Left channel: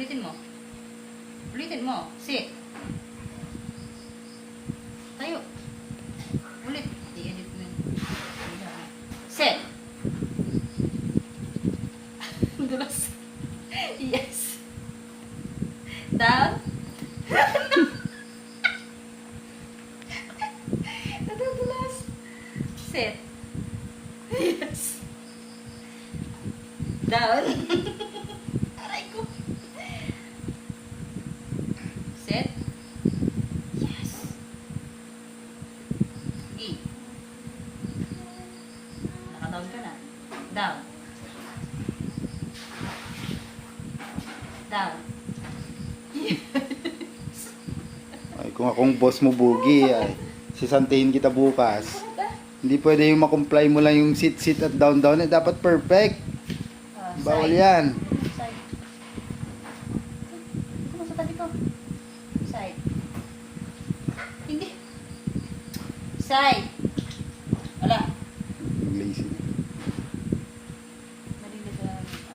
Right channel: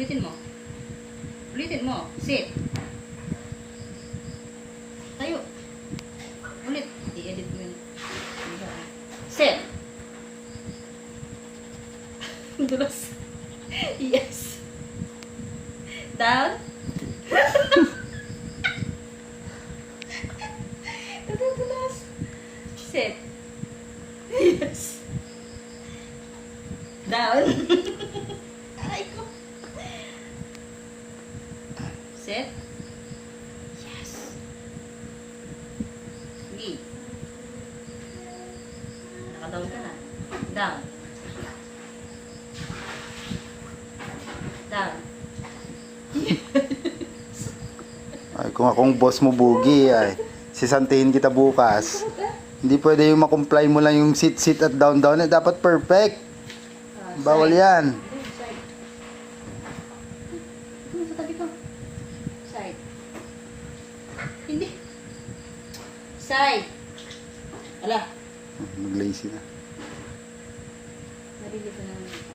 Ulitin mo. Ulitin mo. Sit. Tayo. Ulit. I-edit mo yun. Sit. Dulas. Yes. Down. Dulas. Sit. Yes. Down. Aray ko. Sit. Yes. Gi. Nakadown ka na. Down. Down. Ay, kung akong boss mo, Bugi, ay, sisantihin kita bukas. Hindi pwede yung makomply mo lang yung sit at down. Eh, dapat perfect. Bawal yan. Side. Ano sa tabi ko? Side. Hindi. Side. Wala. Mag-lazy na.